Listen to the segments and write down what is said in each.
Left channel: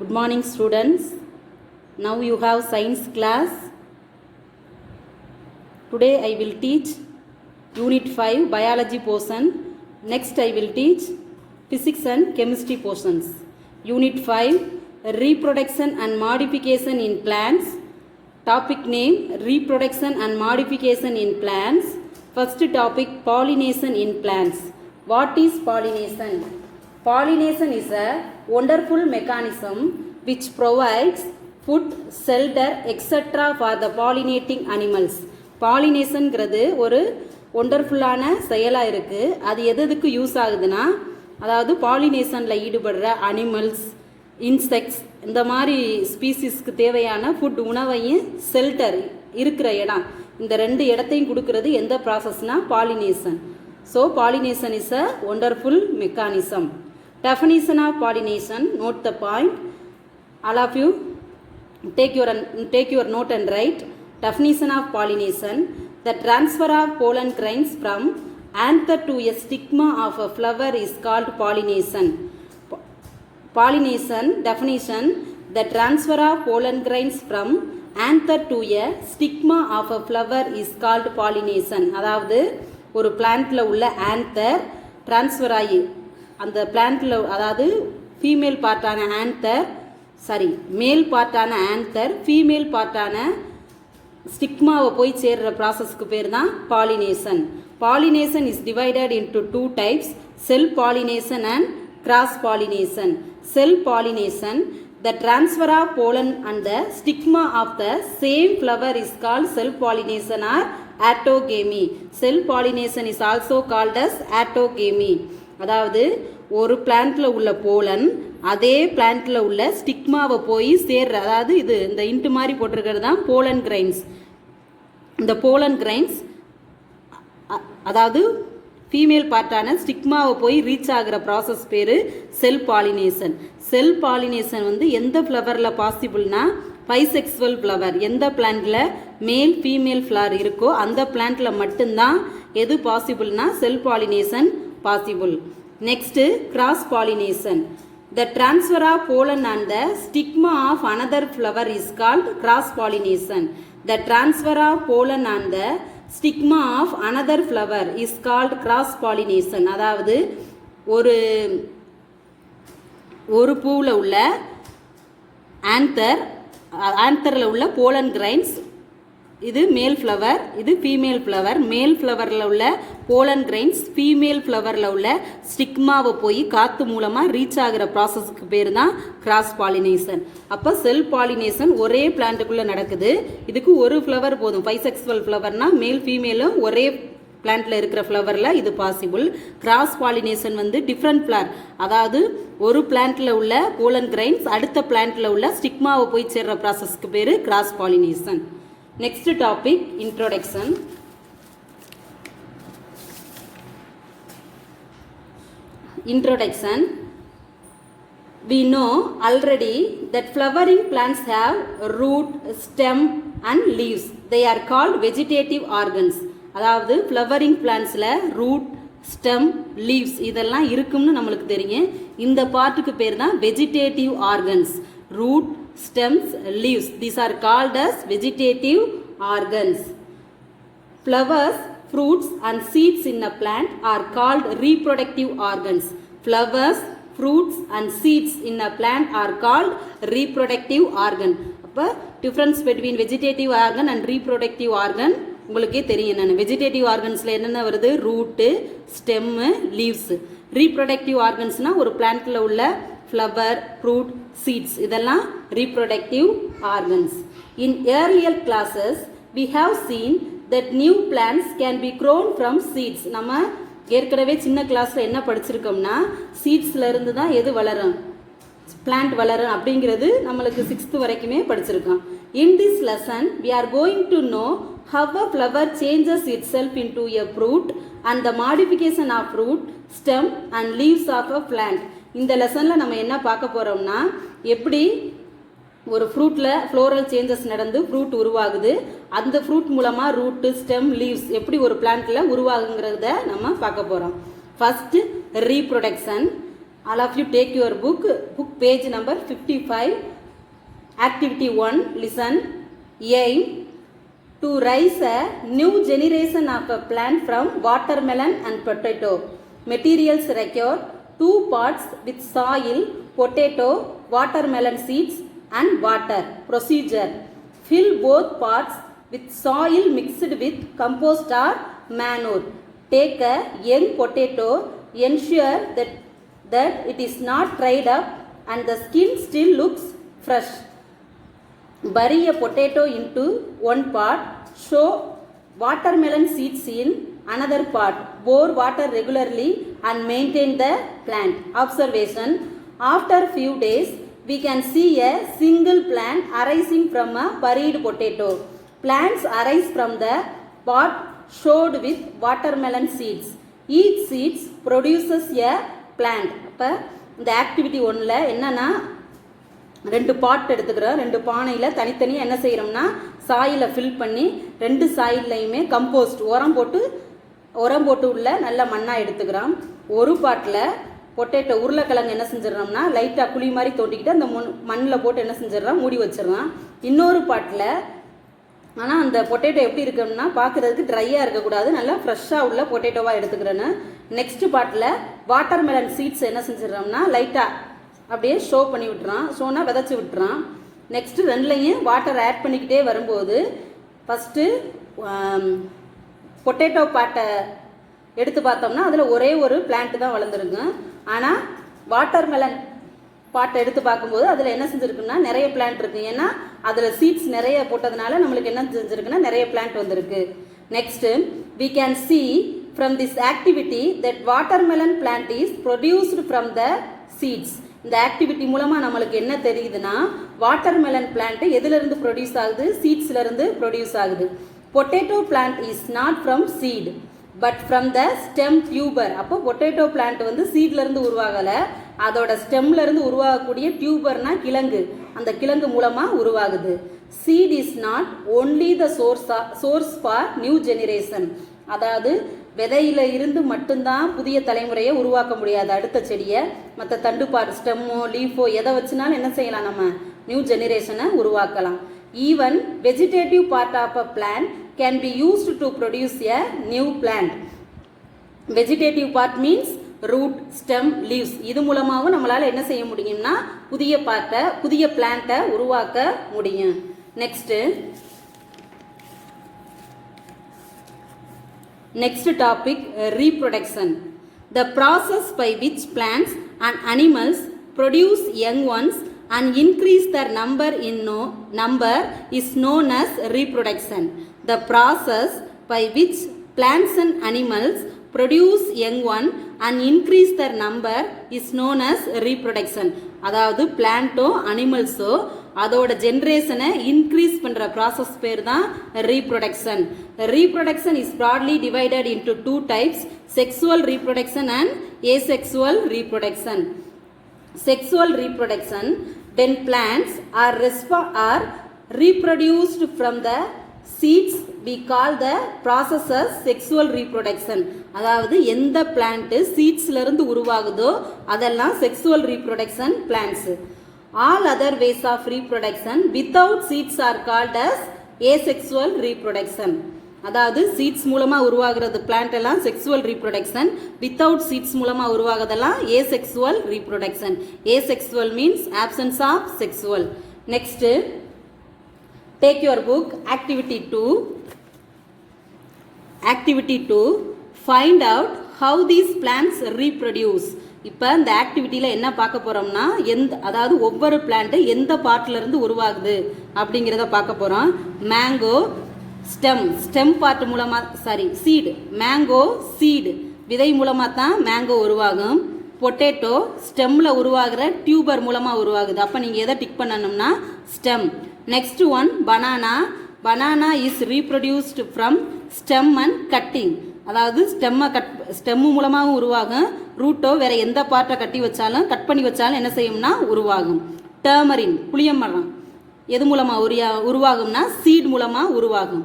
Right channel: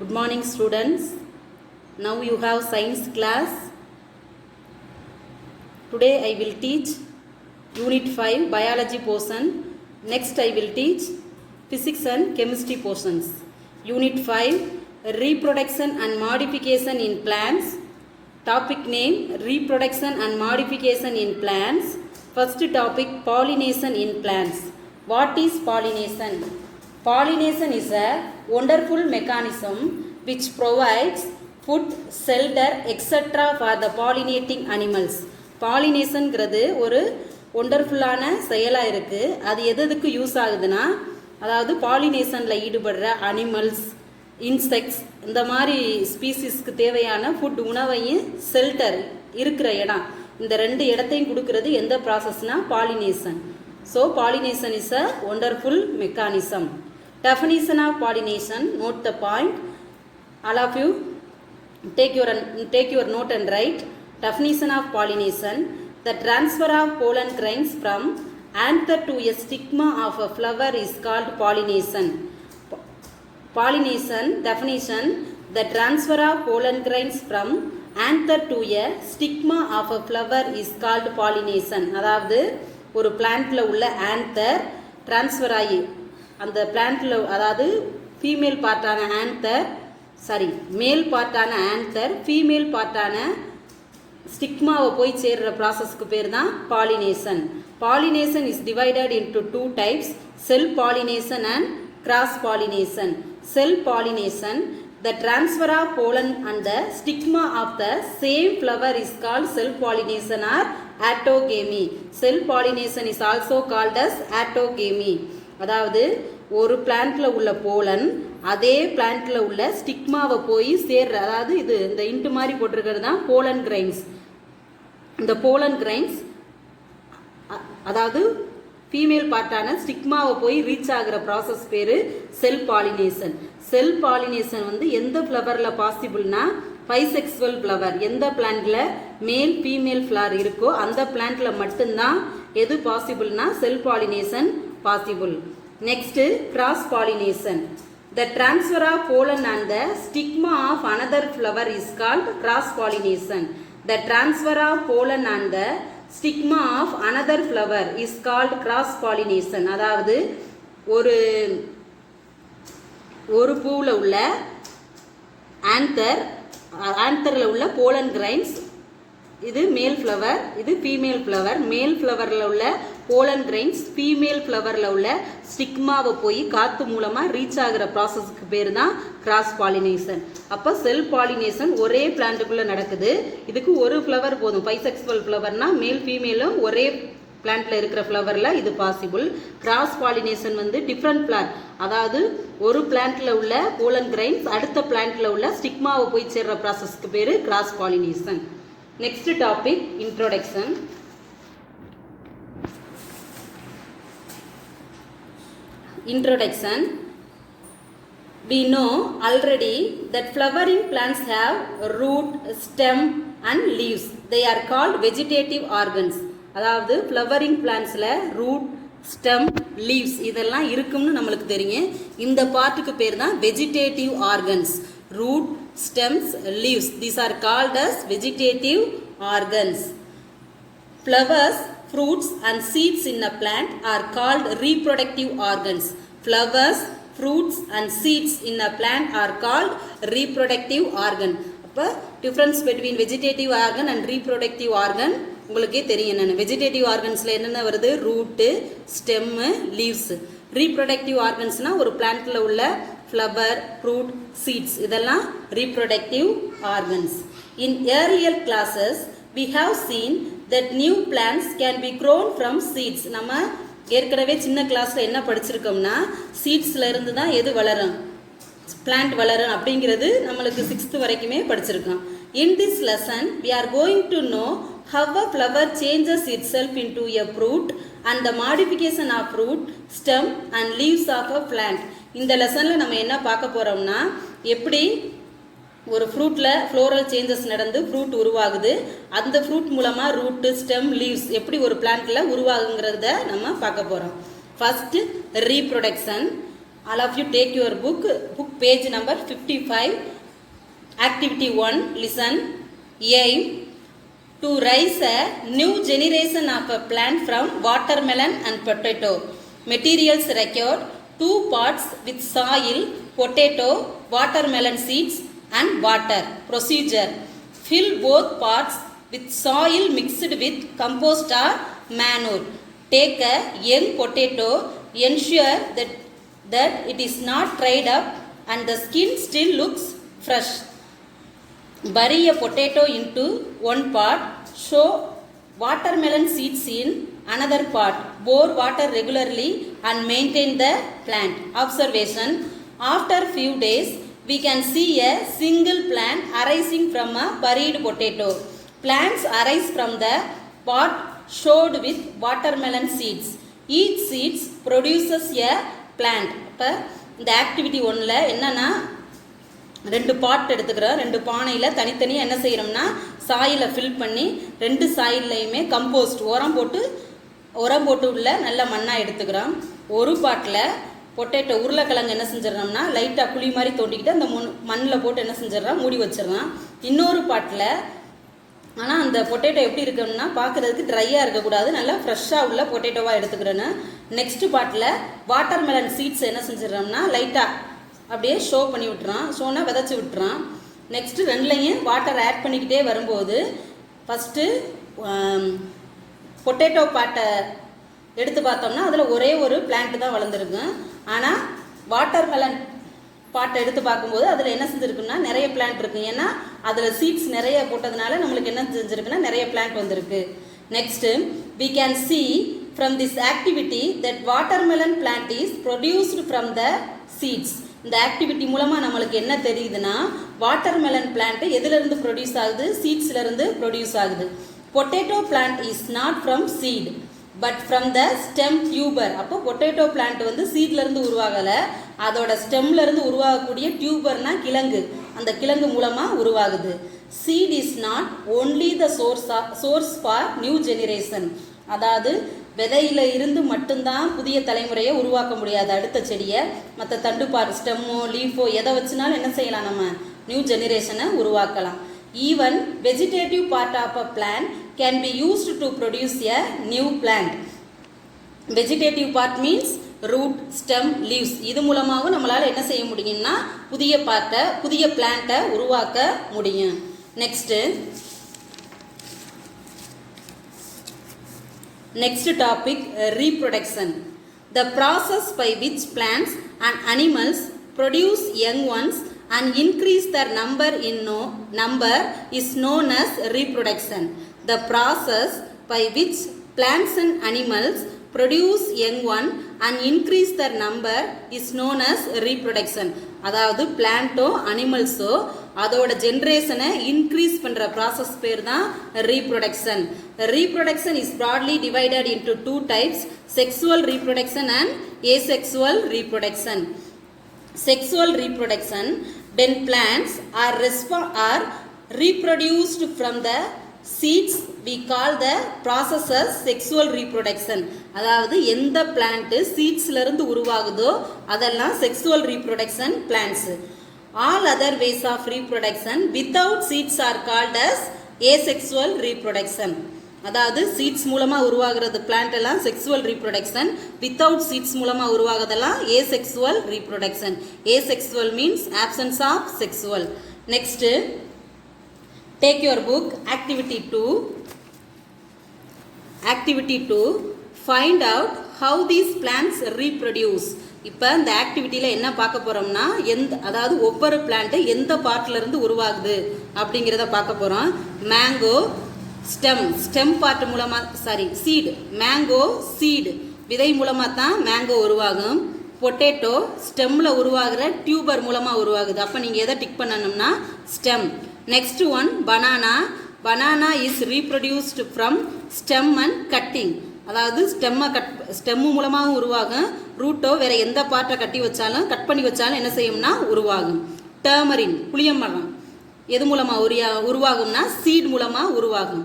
Good morning students. Now you have science class. Today I will teach unit 5 biology portion. Next I will teach physics and chemistry portions. Unit 5 reproduction and modification in plants. Topic name reproduction and modification in plants. First topic pollination in plants. What is pollination? Pollination is a wonderful mechanism which provides food, shelter, etc. for the pollinating animals. பாலினேஷன்ங்கிறது ஒரு ஒண்டர்ஃபுல்லான செயலாக இருக்குது. அது எதுக்கு use ஆகுதுன்னா, அதாவது பாலினேஷனில் ஈடுபடுற animals, insects, இந்த மாதிரி ஸ்பீசிஸ்க்கு தேவையான ஃபுட், உணவையும் ஷெல்டர் இருக்கிற இடம், இந்த ரெண்டு இடத்தையும் கொடுக்கறது எந்த ப்ராசஸ்னால் pollination. So pollination is a wonderful mechanism. Definition of pollination, note the point. All of you take your note and write. Definition of pollination: the transfer of pollen grains from anther to a stigma of a flower is called pollination. Pollination definition: the transfer of pollen grains from anther to a stigma of a flower is called pollination. அதாவது ஒரு பிளான்ட்ல உள்ள anther transfer ஆகி அந்த பிளான்ட்ல, அதாவது female பார்ட்டான anther, மேல் பார்ட்டான anther female பார்ட்டான ஸ்டிக்மாவை போய் சேர்ற ப்ராசஸ்க்கு பேர் தான் pollination. Pollination is divided into two types, self pollination and cross pollination. Self pollination, the transfer of pollen and the stigma of the same flower is called self pollination or autogamy. Self pollination is also called as autogamy. அதாவது ஒரு பிளான்ட்ல உள்ள pollen அதே பிளான்ட்ல உள்ள ஸ்டிக்மாவை போய் சேர்ற, அதாவது இது இந்த இன்ட்டு மாதிரி போட்டிருக்கிறது தான் போலன் கிரைன்ஸ். இந்த போலன் கிரைன்ஸ் அதாவது ஃபீமேல் பார்ட்டான ஸ்டிக்மாவை போய் ரீச் ஆகிற ப்ராசஸ் பேர் செல் பாலினேஷன். செல் பாலினேஷன் எந்த ஃப்ளவரில் பாசிபிள்னா பைசெக்சுவல் ஃப்ளவர். எந்த பிளான்ட்ல மேல் ஃபீமேல் ஃப்ளவர் இருக்கோ அந்த பிளான்ட்ல மட்டும்தான் எது பாசிபிள்னா செல் pollination possible. Next, cross pollination. The transfer of pollen and the stigma of another flower is called cross pollination. The transfer of pollen and the stigma of another flower is called cross pollination. அதாவது ஒரு பூவில் உள்ள ஆந்தர்ல உள்ள pollen grains, இது மேல் flower, இது female flower. மேல் ஃப்ளவரில் உள்ள போலன் கிரைன்ஸ் ஃபீமேல் ஃப்ளவரில் உள்ள ஸ்டிக்மாவை போய் காற்று மூலமாக ரீச் ஆகிற ப்ராசஸ்க்கு பேர் தான் கிராஸ் பாலினேஷன். அப்போ செல் பாலினேஷன் ஒரே பிளான்ட்டுக்குள்ளே நடக்குது. இதுக்கு ஒரு ஃப்ளவர் போதும். பைசெக்சுவல் ஃப்ளவர்னா மேல் ஃபீமேலும் ஒரே பிளான்ட்ல இருக்கிற ஃப்ளவரில் இது possible. Cross pollination different plant, அதாவது ஒரு பிளான்ட்ல உள்ள போலன் கிரைன்ஸ் அடுத்த பிளான்ட்ல உள்ள ஸ்டிக்மாவை போய் சேர்ற ப்ராசஸ்க்கு பேர் cross pollination. Next topic, introduction. Introduction. We know already that flowering plants have root, stem and leaves. They are called vegetative organs. அதாவது flowering plantsல root, stem, leaves இதெல்லாம் இருக்கும்னு நம்மளுக்கு தெரியும். இந்த பார்ட்டுக்கு பேர் தான் vegetative organs. Root, stems, leaves, these are called as vegetative organs. Flowers, fruits and seeds in a plant are called reproductive organs. Flowers, fruits and seeds in a plant are called reproductive organ. அப்ப difference between vegetative organ and reproductive organ உங்களுக்கே தெரியும். நான் vegetative ஆர்கன்ஸ்ல என்னென்ன வருது? Root, stem, leaves. Reproductive ஆர்கன்ஸ்னா ஒரு பிளான்ட்ல உள்ள ஃப்ளவர், ஃப்ரூட், சீட்ஸ், இதெல்லாம் reproductive organs. In earlier classes we have seen that new plants can be grown from seeds. நம்ம ஏற்கனவே சின்ன கிளாஸ்ல என்ன படிச்சிருக்கோம்னா, சீட்ஸ்ல இருந்து தான் எது வளரும், பிளான்ட் வளரும் அப்படிங்கிறது நம்மளுக்கு 6th வரைக்குமே படிச்சிருக்கோம். In this lesson we are going to know how a flower changes itself into a fruit and the modification of fruit, stem and leaves of a plant. இந்த லெசன்ல நம்ம என்ன பார்க்க போறோம்னா, எப்படி ஒரு ஃப்ரூட்ல ஃப்ளோரல் சேஞ்சஸ் நடந்து ஃப்ரூட் உருவாகுது, அந்த ஃப்ரூட் மூலமா ரூட், ஸ்டெம், லீவ்ஸ் எப்படி ஒரு பிளான்ட்ல உருவாகுங்கிறத நம்ம பார்க்க போறோம். First reproduction. All of you take your book page number 55. Activity 1, listen. Aim to raise a new generation of a plant from watermelon and potato. Materials required 2 pots with soil, potato, watermelon seeds and water. Procedure: fill both pots with soil mixed with compost or manure. Take a young potato, ensure that it is not dried up and the skin still looks fresh. Bury a potato into one pot, sow watermelon seeds in another pot. Pour water regularly and maintain the plant. Observation: after few days, we can see a single plant arising from a buried potato. Plants arise from the pot sowed with watermelon seeds. Each seeds produces a plant. இப்போ இந்த activity 1ல் என்னன்னா 2 பாட் எடுத்துக்கிறோம். 2 பானையில் தனித்தனியாக என்ன செய்கிறோம்னா சாயிலை fill பண்ணி 2 சாயிலையுமே compost உரம் போட்டு உள்ள நல்ல மண்ணாக எடுத்துக்கிறோம். ஒரு பாட்டில் பொட்டேட்டோ உருளைக்கிழங்கு என்ன செஞ்சிடறோம்னா லைட்டாக குழி மாதிரி தோண்டிக்கிட்டு அந்த மண்ணில் போட்டு என்ன செஞ்சிடறோம் மூடி வச்சிடறோம். இன்னொரு பாட்டில் ஆனால் அந்த பொட்டேட்டோ எப்படி இருக்குன்னா பார்க்குறதுக்கு ட்ரையாக இருக்கக்கூடாது, நல்லா ஃப்ரெஷ்ஷாக உள்ள பொட்டேட்டோவாக எடுத்துக்கிறேன்னு. நெக்ஸ்ட் பாட்டில் வாட்டர்மெலன் சீட்ஸ் என்ன செஞ்சிடறோம்னா லைட்டாக அப்படியே ஷோ பண்ணி விட்டுறான், ஷோனா விதைச்சி விட்டுறான். நெக்ஸ்ட்டு 2லையும் வாட்டர் ஆட் பண்ணிக்கிட்டே வரும்போது ஃபஸ்ட்டு பொட்டேட்டோ பாட்டை எடுத்து பார்த்தோம்னா அதில் ஒரே ஒரு பிளான்ட்டு தான் வளர்ந்துருக்கு. ஆனால் வாட்டர்மெலன் பாட்டை எடுத்து பார்க்கும்போது அதில் என்ன செஞ்சுருக்குன்னா நிறைய பிளான்ட் இருக்குது. ஏன்னா அதில் சீட்ஸ் நிறைய போட்டதுனால நம்மளுக்கு என்ன செஞ்சுருக்குன்னா நிறைய பிளான்ட் வந்திருக்கு. Next we can see from this activity that watermelon plant is produced from the seeds. இந்த ஆக்டிவிட்டி மூலமாக நம்மளுக்கு என்ன தெரியுதுன்னா வாட்டர்மெலன் பிளான்ட் எதுலேருந்து ப்ரொடியூஸ் ஆகுது, சீட்ஸ்லேருந்து ப்ரொடியூஸ் ஆகுது. Potato plant is not from seat but from the stem tuber. அப்போ potato plant வந்து சீட்லேருந்து உருவாகலை, அதோட ஸ்டெம்லேருந்து உருவாகக்கூடிய டியூபர்னா கிழங்கு, அந்த கிழங்கு மூலமாக உருவாகுது. Seed is not only the source for new generation. அதாவது விதையில இருந்து மட்டும்தான் புதிய தலைமுறையை உருவாக்க முடியாது. அடுத்த செடியை மற்ற தண்டுப்பார் ஸ்டெம்மோ லீஃபோ எதை வச்சுனாலும் என்ன செய்யலாம், நம்ம நியூ ஜெனரேஷனை உருவாக்கலாம். Even vegetative part of a plant can be used to produce a new plant. Vegetative part means root, stem, leaves. இது மூலமாகவும் நம்மளால் என்ன செய்ய முடியும்னா புதிய பிளான்ட்டை உருவாக்க முடியும். Next topic, reproduction. The process by which plants and animals produce young ones and increase their number is known as reproduction. The process by which plants and animals produce young one and increase their number is known as reproduction. அதாவது பிளான்ட்டோ அனிமல்ஸோ அதோட ஜென்ரேஷனை increase பண்ணுற process பேர் தான் reproduction. Reproduction is broadly divided into 2 types, sexual reproduction and asexual reproduction. Sexual reproduction, when plants are reproduced from the seeds, we call the process as sexual reproduction. அதாவது எந்த plant சீட்ஸ்லேருந்து உருவாகுதோ அதெல்லாம் sexual reproduction plants. All other ways of reproduction without seeds are called as asexual reproduction. அதாவது seeds மூலமாக உருவாகிறது plant எல்லாம் sexual reproduction, without seeds மூலமாக உருவாகிறதெல்லாம் asexual reproduction. Asexual means absence of sexual. Next take your book activity 2. Activity 2, find out how these plants reproduce. இப்போ இந்த ஆக்டிவிட்டியில் என்ன பார்க்க போகிறோம்னா அதாவது ஒவ்வொரு பிளான்ட்டு எந்த பார்ட்லேருந்து உருவாகுது அப்படிங்கிறத பார்க்க போகிறோம். மேங்கோ ஸ்டெம் பார்ட் மூலமாக சீடு, மேங்கோ சீடு விதை மூலமாக தான் மேங்கோ உருவாகும். பொட்டேட்டோ ஸ்டெம்மில் உருவாகிற டியூபர் மூலமாக உருவாகுது. அப்போ நீங்கள் எதை டிக் பண்ணணும்னா stem. Next one banana is reproduced from stem and cutting. அதாவது ஸ்டெம்மு மூலமாகவும் உருவாகும், ரூட்டோ வேற எந்த பார்ட்டை கட் பண்ணி வச்சாலும் என்ன செய்யும்னா உருவாகும். டர்மரின் புளியமரம் எது மூலமாக உருவாகும்னா சீட் மூலமாக உருவாகும்.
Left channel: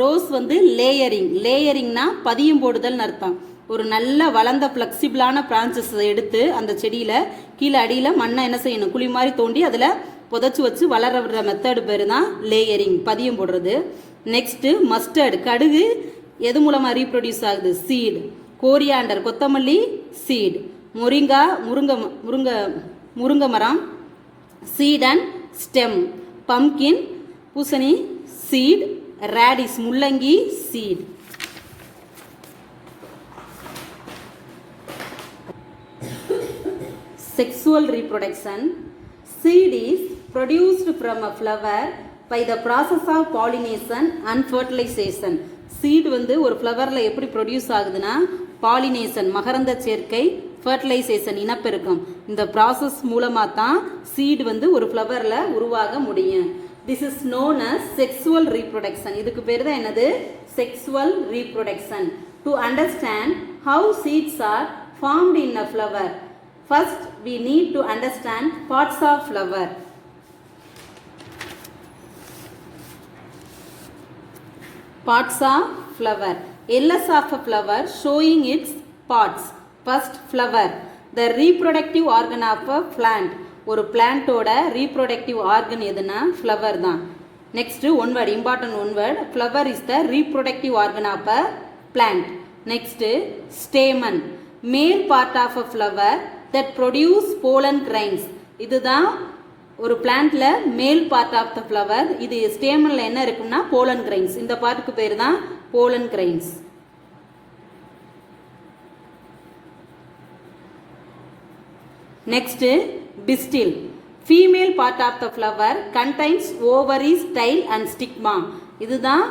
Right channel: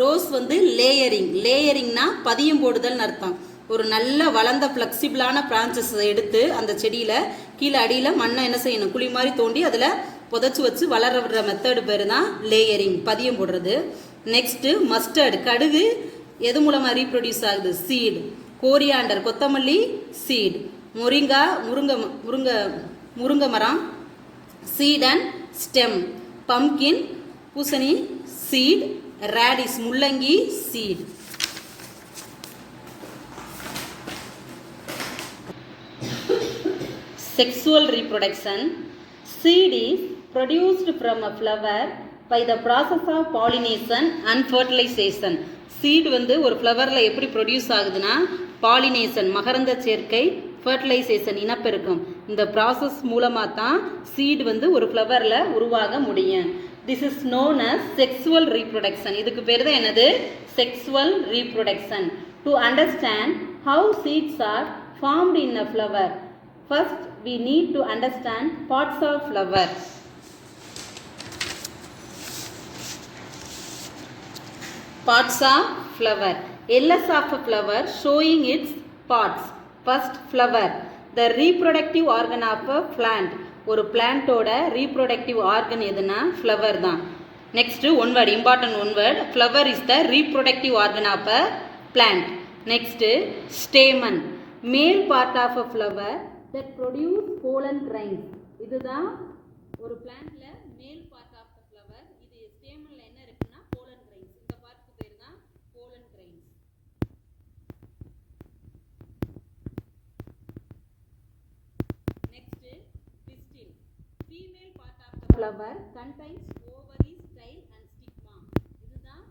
ரோஸ் வந்து லேயரிங்னா பதியம் போடுதல்னு அர்த்தம். ஒரு நல்ல வளர்ந்த ஃப்ளெக்சிபிளான பிரான்ச்சஸ் எடுத்து அந்த செடியில் கீழே அடியில் மண்ணை என்ன செய்யணும், குழி மாதிரி தோண்டி அதில் புதைச்சி வச்சு வளர விடுற மெத்தடு பேர் தான் லேயரிங், பதியம் போடுறது. நெக்ஸ்ட்டு மஸ்டர்டு, கடுகு எது மூலமாக ரீப்ரொடியூஸ் ஆகுது, சீடு. கோரியாண்டர், கொத்தமல்லி, சீடு. முருங்கா, முருங்கை மரம், சீட் அண்ட் ஸ்டெம். பம்கின், பூசணி, சீட். ரேடிஸ், முள்ளங்கி, seat. Sexual reproduction. Seed is produced from a flower by the process of pollination and fertilization. Seed வந்து ஒரு ஃப்ளவரில் எப்படி ப்ரொடியூஸ் ஆகுதுன்னா பாலினேஷன், மகரந்த சேர்க்கை, ஃபர்டிலைசேஷன், இனப்பெருக்கம், இந்த ப்ராசஸ் மூலமாக தான் சீட் வந்து ஒரு ஃப்ளவரில் உருவாக முடியும். This is known as sexual reproduction. இதுக்கு பேர் தான் என்னது, sexual reproduction. To understand how seeds are formed in a flower, first we need to understand parts of flower. Parts of flower. LS of a flower showing its parts. First, flower, the reproductive organ of a plant. ஒரு பிளான்ட்டோட reproductive organ எதுனா flower தான். Next one word, important one word, flower is the reproductive organ of a plant. Next stamen, male part of a flower that produce pollen grains. இதுதான் ஒரு பிளான்ட்ல மேல் part of the flower. இது ஸ்டேமன்ல என்ன இருக்குன்னா pollen grains. இந்த பார்ட்டுக்கு பேர் தான் pollen grains. Next pistil, female part of the flower contains ovary, style and stigma. இதுதான்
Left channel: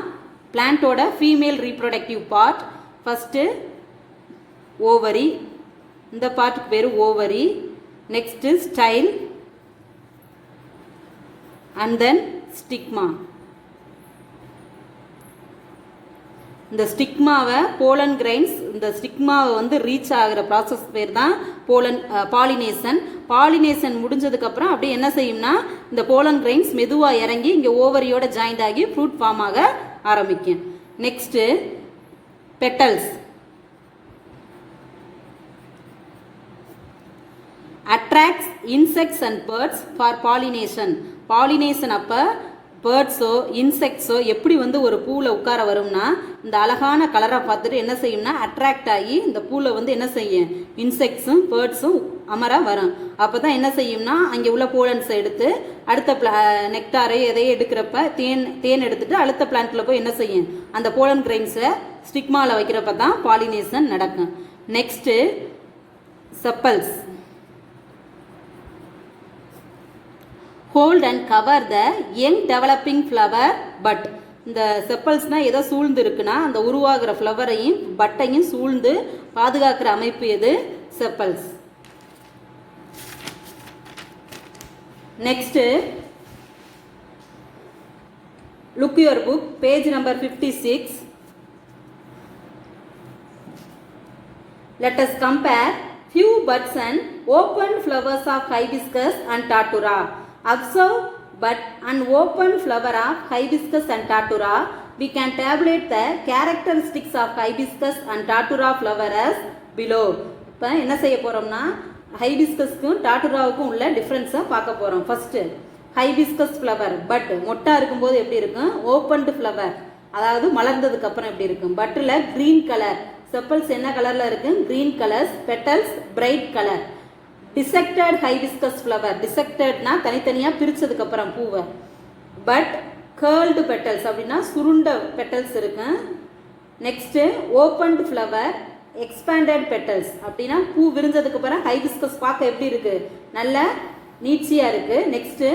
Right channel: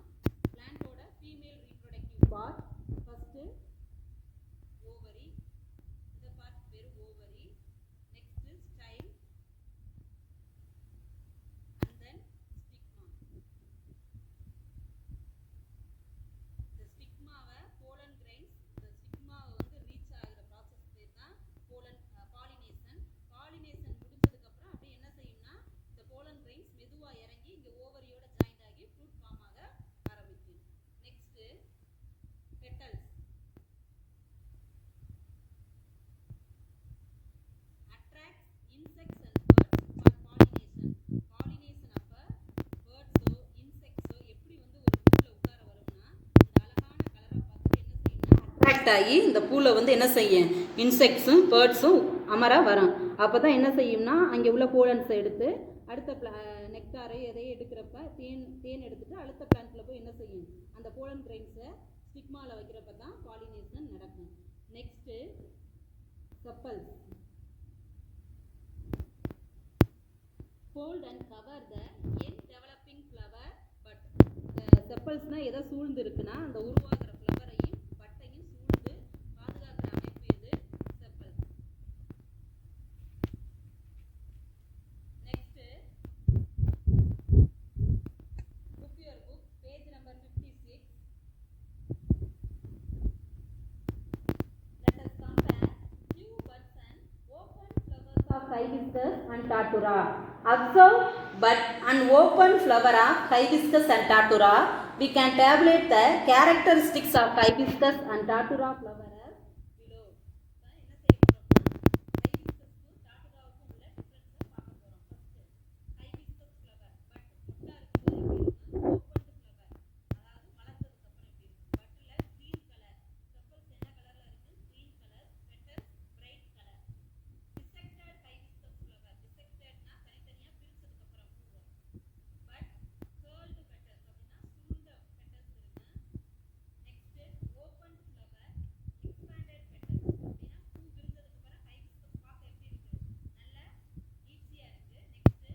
பிளான்ட்டோட female reproductive part. First ovary, இந்த பார்ட்டுக்கு பேர் ovary. Next style and then stigma. இந்த ஸ்டிக்மாவை போலன் கிரைன்ஸ், இந்த ஸ்டிக்மாவை வந்து ரீச் ஆகிற ப்ராசஸ் பேர் தான் பாலினேஷன். பாலினேஷன் முடிஞ்சதுக்கப்புறம் அப்படியே என்ன செய்யும்னா இந்த போலன் கிரைன்ஸ் மெதுவாக இறங்கி இங்கே ஓவரியோட ஜாயிண்ட் ஆகி ஃப்ரூட் ஃபார்ம் ஆக ஆரம்பிக்கும். Next petals. attracts insects and birds for pollination. pollination அப்போ பேர்ட்ஸோ இன்செக்ட்ஸோ எப்படி வந்து ஒரு பூவில் உட்கார வரும்னா இந்த அழகான கலரை பார்த்துட்டு என்ன செய்யும்னா அட்ராக்ட் ஆகி இந்த பூவில் வந்து என்ன செய்யும், இன்செக்ட்ஸும் பேர்ட்ஸும் அமர வரும். அப்போ தான் என்ன செய்யும்னா அங்கே உள்ள போலன்ஸை எடுத்து அடுத்த நெக்டாரை எதையும் எடுக்கிறப்ப தேன் எடுத்துட்டு அடுத்த பிளான்ட்டில் போய் என்ன செய்யும், அந்த போலன் கிரைன்ஸை ஸ்டிக்மாவில் வைக்கிறப்ப தான் பாலினேஷன் நடக்கும். Next chappals, hold and cover the young developing flower bud. இந்த செப்பல்ஸ்னால் எதை சூழ்ந்து இருக்குன்னா அந்த உருவாகிற ஃப்ளவரையும் பட்டையும் சூழ்ந்து பாதுகாக்கிற அமைப்பு எது, chappals. Next look your book, page number 56. Let us compare few buds and open flowers of hibiscus and datura. Observe bud and open flower of hibiscus and datura. We can tabulate the characteristics of hibiscus and datura flower as below. இப்போ என்ன செய்ய போகிறோம்னா ஹைபிஸ்கஸ்க்கும் டாட்டுராவுக்கும் உள்ள டிஃப்ரென்ஸை பார்க்க போகிறோம். First hibiscus flower but மொட்டா இருக்கும்போது எப்படி இருக்கும், ஓப்பன்டு ஃப்ளவர் அதாவது மலர்ந்ததுக்கு அப்புறம் எப்படி இருக்கும். பட்டில் க்ரீன் கலர், செப்பல்ஸ் என்ன கலரில் இருக்குது, green colours, petals bright colour. Dissected hibiscus flower, டிசெக்டட்னா தனித்தனியாக பிரித்ததுக்கப்புறம் பூவை. பட் கேர்ள்டு பெட்டல்ஸ் அப்படின்னா சுருண்ட பெட்டல்ஸ் இருக்கு. Next opened flower, expanded petals அப்படின்னா பூ விரிஞ்சதுக்கப்புறம் ஹைபிஸ்கஸ் பார்க்க எப்படி இருக்குது, நல்ல நீட்சியாக இருக்குது. Next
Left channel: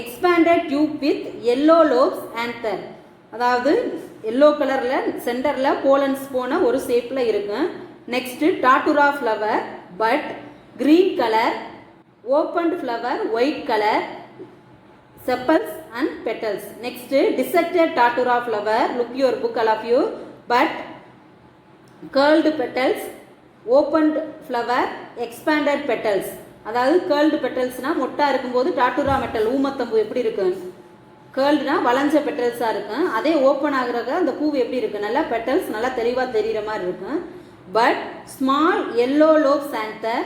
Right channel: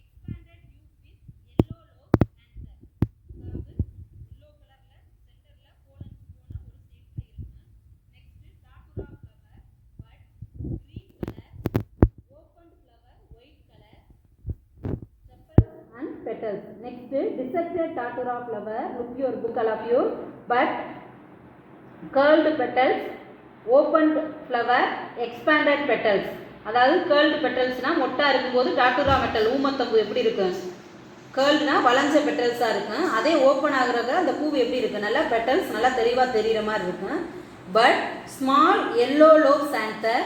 expanded tube with yellow லோப்ஸ் anther, அதாவது எல்லோ கலரில் சென்டரில் போலன்ஸ் போன ஒரு ஷேப்பில் இருக்கும். Next டாட்டுரா flower but green colour, opened flower white colour, chappals and petals. Next dissected datura flower, look your book all of you, but curled petals, opened flower, expanded petals. அதாவது curled petals-னா மொட்டா இருக்கும்போது டாட்டுரா metal ஊமத்தம்பூ எப்படி இருக்கு, curled-னா வளைஞ்ச பெட்டல்ஸாக இருக்கும். அதே ஓப்பன் ஆகுறத அந்த பூ எப்படி இருக்கு, நல்லா பெட்டல்ஸ் நல்லா தெளிவாக தெரிகிற மாதிரி இருக்கும். bud, small yellow lobes anther,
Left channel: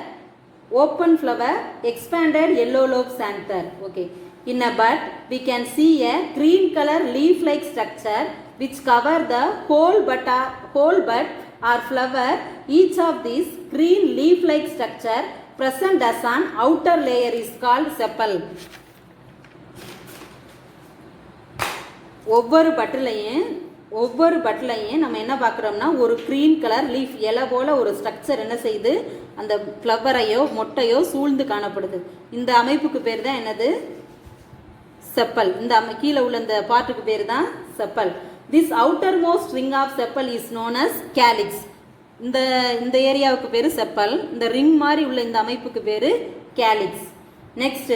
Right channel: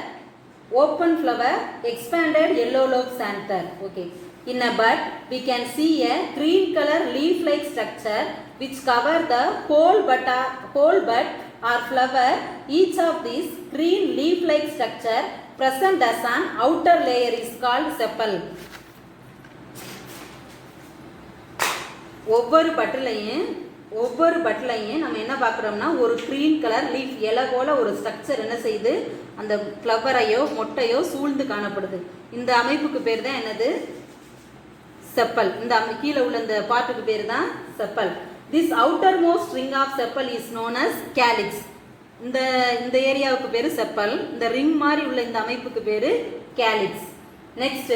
open flower, expanded yellow lobes anther. Okay. In a bud, we can see a green color leaf-like structure which cover the whole bud or flower. Each of these green leaf-like structure present as an outer layer is called sepal. ஒவ்வொரு பட்டிலையும் நம்ம என்ன பார்க்குறோம்னா ஒரு green colour leaf இலை போல் ஒரு structure என்ன செய்யுது, அந்த ஃப்ளவரையோ மொட்டையோ சூழ்ந்து காணப்படுது. இந்த அமைப்புக்கு பேர் தான் என்னது, செப்பல். இந்த கீழே உள்ள இந்த பார்ட்டுக்கு பேர் தான் sepal. This outer most ring of sepal is known as calyx. இந்த ஏரியாவுக்கு பேர் செப்பல். இந்த ரிங் மாதிரி உள்ள இந்த அமைப்புக்கு பேர் calyx. Next,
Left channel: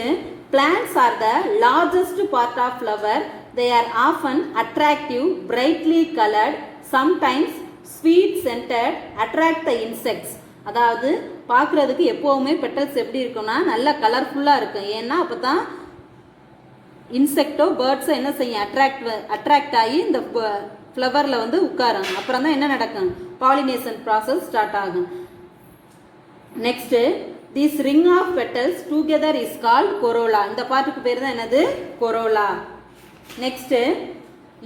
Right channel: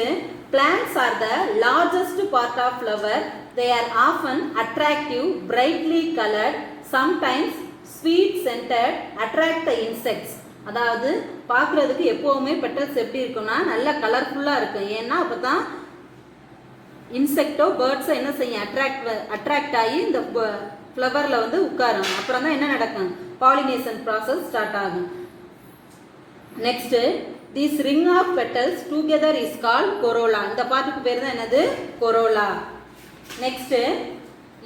plants are the largest part of flower. They are often attractive, brightly colored, sometimes sweet scented, attract the insects. அதாவது பார்க்குறதுக்கு எப்போவுமே பெட்டல்ஸ் எப்படி இருக்கும்னா நல்ல கலர்ஃபுல்லாக இருக்கும். ஏன்னா அப்போ தான் இன்செக்டோ பேர்ட்ஸோ என்ன செய்யும், அட்ராக்ட் ஆகி இந்த ஃப்ளவரில் வந்து உட்காரும். அப்புறம் தான் என்ன நடக்கும், பாலினேஷன் ப்ராசஸ் ஸ்டார்ட் ஆகும். Next, this ring of petals together is called corolla. இந்த பார்ட்டுக்கு பேர் தான் என்னது, corolla. Next,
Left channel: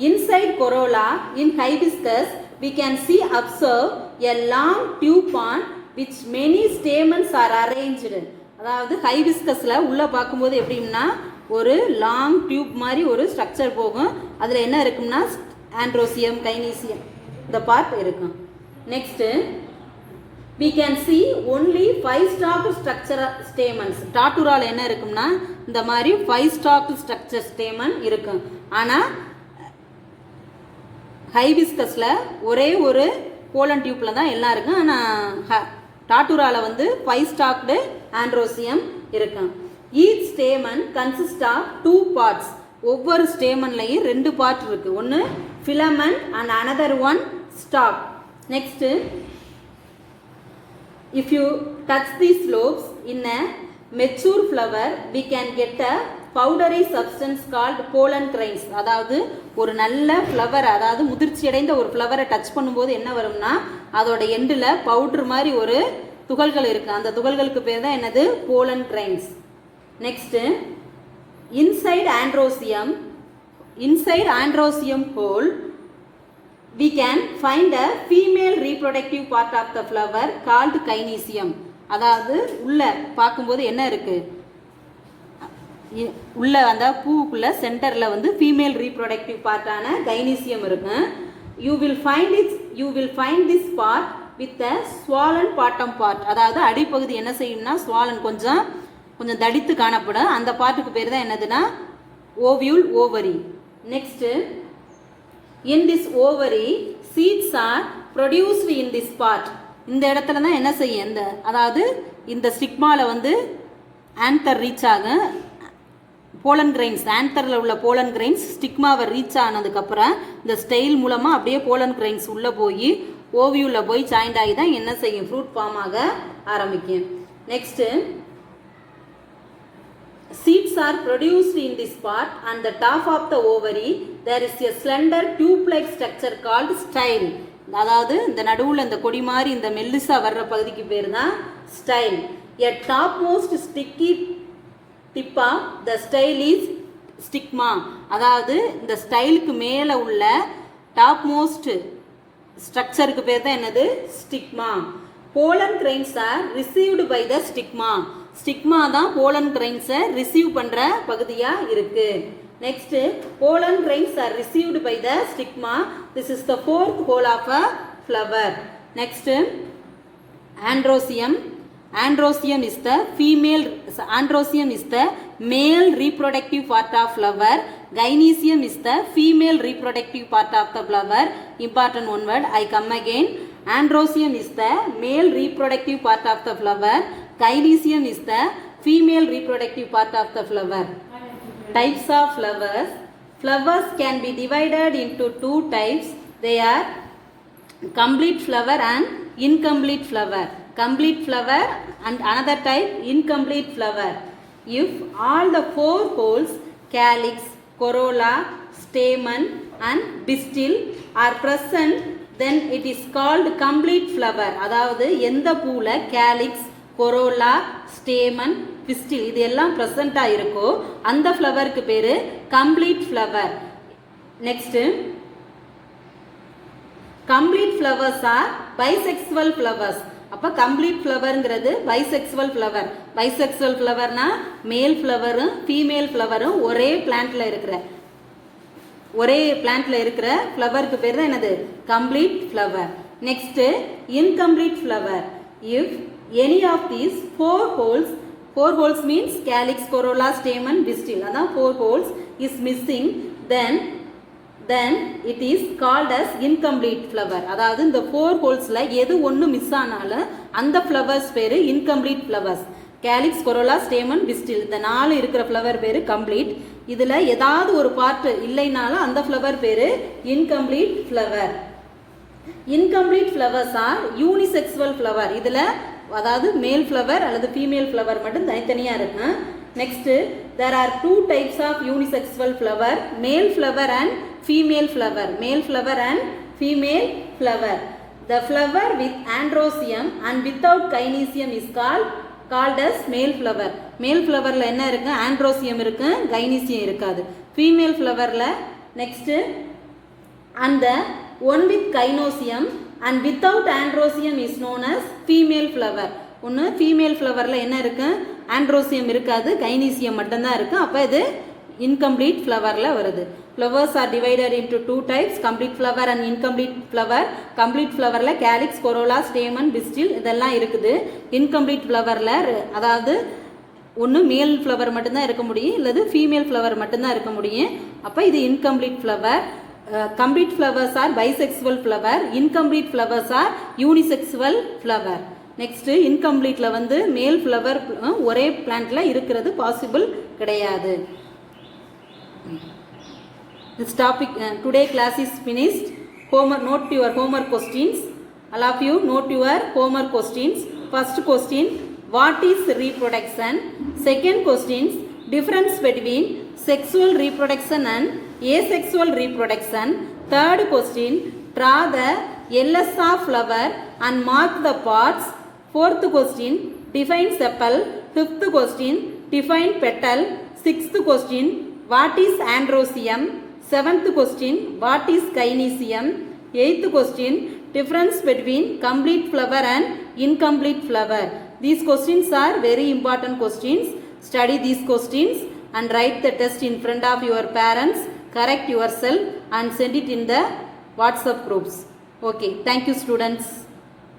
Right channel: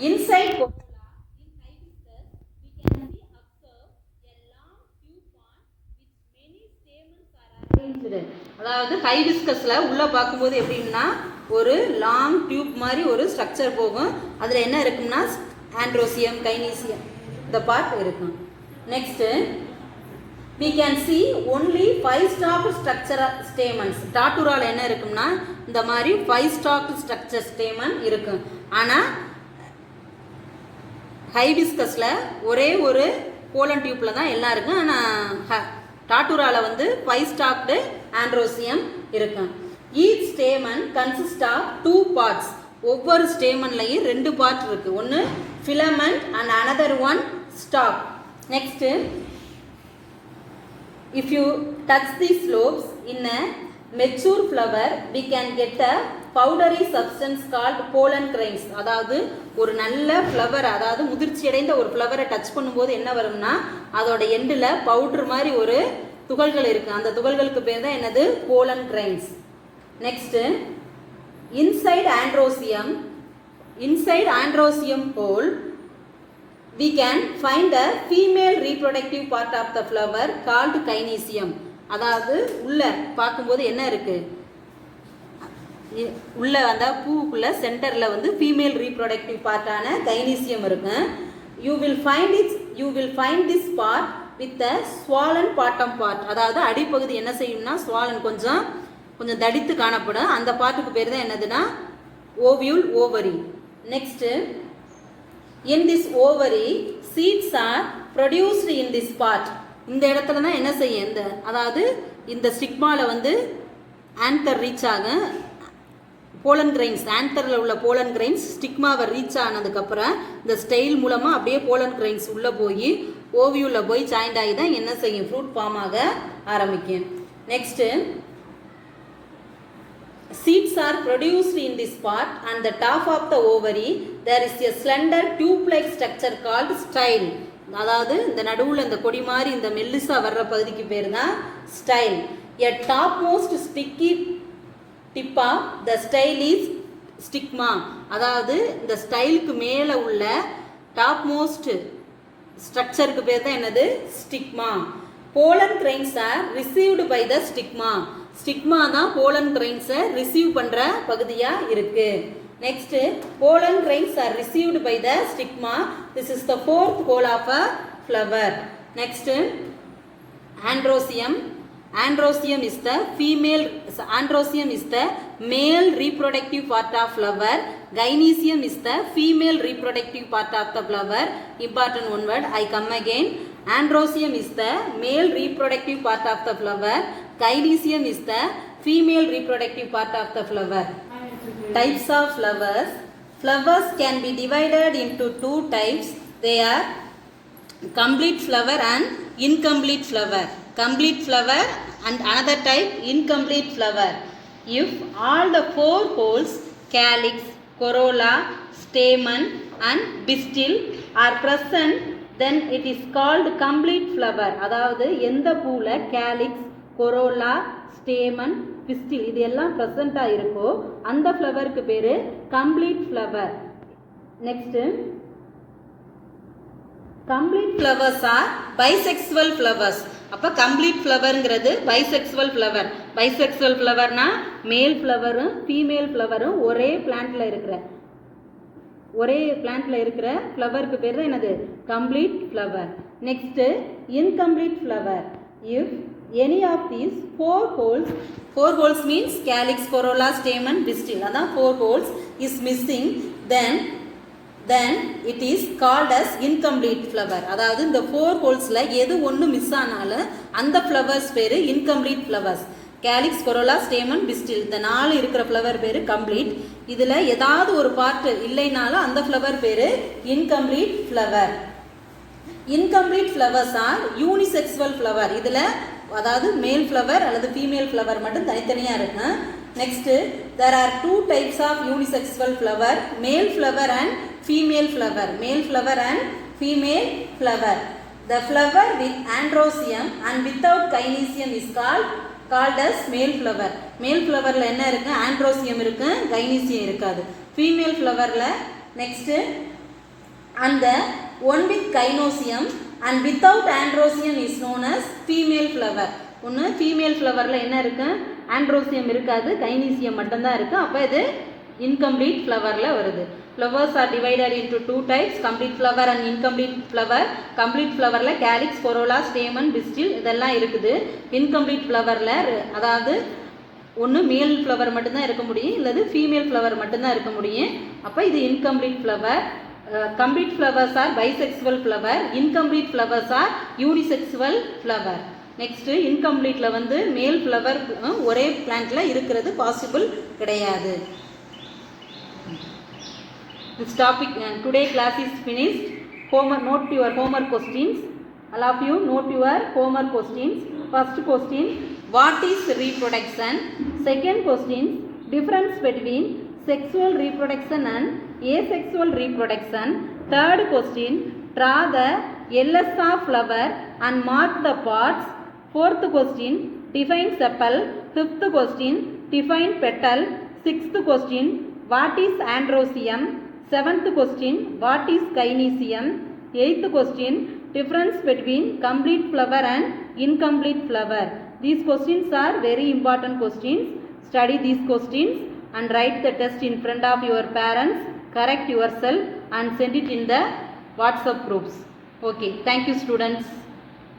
inside corolla in hibiscus we can see observe a long tube on which many stamens are arranged. அதாவது ஹைபிஸ்கஸ்ல உள்ள பார்க்கும்போது எப்படின்னா ஒரு லாங் டியூப் மாதிரி ஒரு ஸ்ட்ரக்சர் போகும். அதில் என்ன இருக்கும்னா ஆண்ட்ரோசியம், கைனீசியம் இந்த பார்ட் இருக்கும். Next, we can see only 5-stalked structure stamens. டாட்டூரால என்ன இருக்கும்னா இந்த மாதிரி 5-stalked structure stamen இருக்கும். ஆனால் ஹைபிஸ்கஸ்ல ஒரே ஒரு போலன் டியூப்ல தான் எல்லாம் இருக்கும். ஆனால் டாட்டூரால வந்து 5-stalked ஆண்ட்ரோசியம் இருக்கும். Each stamen consist of 2 parts. ஒவ்வொரு ஸ்டேமன்லையும் 2 பார்ட் இருக்கு. ஒன்று filament and another one stalk. Next, if you touch these lobes in a mature flower, we can get a powdery substance called pollen grains. அதாவது ஒரு நல்ல flower, அதாவது முதிர்ச்சி அடைந்த ஒரு ஃப்ளவரை டச் பண்ணும்போது என்ன வரும்னா அதோட எண்டில் பவுடர் மாதிரி ஒரு துகள்கள் இருக்குது. அந்த துகள்களுக்கு பேர் தான் என்னது, pollen grains. Next, inside androsium hole we can find a female reproductive part of the flower called gynoecium. அதாவது உள்ள பார்க்கும்போது என்ன இருக்கு, உள்ள அந்த பூக்குள்ள சென்டர்ல வந்து ஃபீமேல் ரீப்ரொடக்டிவ் பார்ட்டான கைனீசியம் இருக்கு. you will find this part with a swollen bottom part. அதாவது அடிப்பகுதி என்ன செய்யும்னா swollen, கொஞ்சம் தடித்து காணப்படும். அந்த பார்ட்டுக்கு பேர் தான் என்னதுன்னா ovule, ovary. Next, in this ovary seeds are produced in this part. இந்த இடத்துல தான் என்ன செய்யும், அதாவது இந்த ஸ்டிக்மால வந்து ஆன்தர் ரீச் ஆகும். போலன் கிரைன்ஸ், ஆன்தரில் உள்ள போலன் கிரைன்ஸ் ஸ்டிக்மாவை ரீச் ஆனதுக்கப்புறம் இந்த ஸ்டைல் மூலமாக அப்படியே போலன் கிரைன்ஸ் உள்ளே போய் ஓவியூவில் போய் ஜாயிண்ட் ஆகி தான் என்ன செய்யும், ஃப்ரூட் ஃபார்ம் ஆக ஆரம்பிக்கும். Next, seeds are produced in this part and the top of the ovary there is a slender tube-like structure called style. அதாவது இந்த நடுவில் இந்த கொடி மாதிரி இந்த மெல்லிசா வர்ற பகுதிக்கு பேர் தான் style. a topmost sticky tip of the style is stigma. அதாவது இந்த ஸ்டைலுக்கு மேலே உள்ள டாப்மோஸ்ட் ஸ்ட்ரக்சருக்கு பேர் தான் என்னது, stigma. Pollen grains are received by the stigma. Stigma தான் போலன் கிரைன்ஸை ரிசீவ் பண்ணுற பகுதியாக இருக்கு. Next, pollen grains are received by the stigma. This is the 4th hole of a flower. Next, androsium. Androsium is the male reproductive part of flower. Gynoecium is the female reproductive part of the flower. Important one word, I come again. Androsium is the male reproductive part of the flower. Gynoecium is the female reproductive part of the flower. Types of flowers. Flowers can be divided into 2 types. They are complete flower and incomplete flower. Complete flower and another type incomplete flower. If all the 4 holes, calyx, corolla, stamen and pistil are present then it is called complete flower. அதாவது எந்த பூல calyx, corolla, stamen, pistil இது எல்லாம் ப்ரெசண்டா இருக்கோ அந்த ஃப்ளவருக்கு பேரு complete flower. Next, complete flowers are bisexual flowers. அப்போ complete ஃப்ளவருங்கிறது bisexual flower. Bisexual ஃப்ளவர்னா மேல் ஃப்ளவரும் ஃபீமேல் ஃப்ளவரும் ஒரே பிளான்ட்ல இருக்கிற ஃப்ளவருக்கு பேர் தான் என்னது complete flower. Next, incomplete flower. If any of these four whorls means calyx, corolla, stamen, pistil, அதான் four whorls is missing, then it is called as incomplete flower. அதாவது இந்த four ஹோல்ஸ்ல எது ஒன்று மிஸ் ஆனாலும் அந்த ஃப்ளவர்ஸ் பேரு incomplete flowers. Calyx, corolla, stamen, pistil இந்த 4 இருக்கிற ஃப்ளவர் பேரு கம்ப்ளீட். இதுல ஏதாவது ஒரு பார்ட் இல்லைனாலும் அந்த ஃப்ளவர் பேரு incomplete flower. Incomplete flowers are unisexual flower. இதுல அதாவது மேல் ஃப்ளவர் அல்லது ஃபீமேல் ஃப்ளவர் மட்டும் தனித்தனியா இருக்கு. Next, there are 2 types of unisexual flower, male flower and female flower. Male flower and female flower. The flower with androecium and without gynoecium is called as male flower. Male flowerல என்ன இருக்கு? androecium இருக்கு, gynoecium இருக்காது. Female flowerல next, and the one with gynoecium and without androecium is known as female flower. ஒன்று female ஃப்ளவரில் என்ன இருக்கு? Androecium இருக்காது, gynoecium மட்டும்தான் இருக்கு. அப்போ இது இன்கம்ப்ளீட் ஃப்ளவரில் வருது. Flowers are divided into 2 types, complete flower and incomplete flower. Complete ஃப்ளவரில் கேலிக்ஸ், கொரோலா, ஸ்டேமன், பிஸ்டில் இதெல்லாம் இருக்குது. இன்கம்ப்ளீட் ஃப்ளவரில் அதாவது ஒன்று மேல் ஃப்ளவர் மட்டும்தான் இருக்க முடியும், இல்லது ஃபீமேல் ஃப்ளவர் மட்டும்தான் இருக்க முடியும். அப்போ இது incomplete flower. Complete flowers are bisexual flower, incomplete flowers are unisexual flower. Next, இன்கம்ப்ளீட்ல வந்து மேல் ஃப்ளவர் ஒரே பிளான்ட்ல இருக்கிறது பாசிபிள் கிடையாது. This topic today class is finished. Note your homework questions. All of you note your homework questions. First question, what is reproduction? Second question, difference between sexual reproduction and asexual reproduction. Third question, draw the LSA flower and mark the parts. Fourth question, define sepal. Fifth question, define petal. Sixth question, what is androecium? Seventh question, what is gynoecium? Eighth question, difference between complete flower and incomplete flower. These questions are very important questions. Study these questions and write the test in front of your parents. Correct yourself and send it in the WhatsApp groups. Okay, thank you students.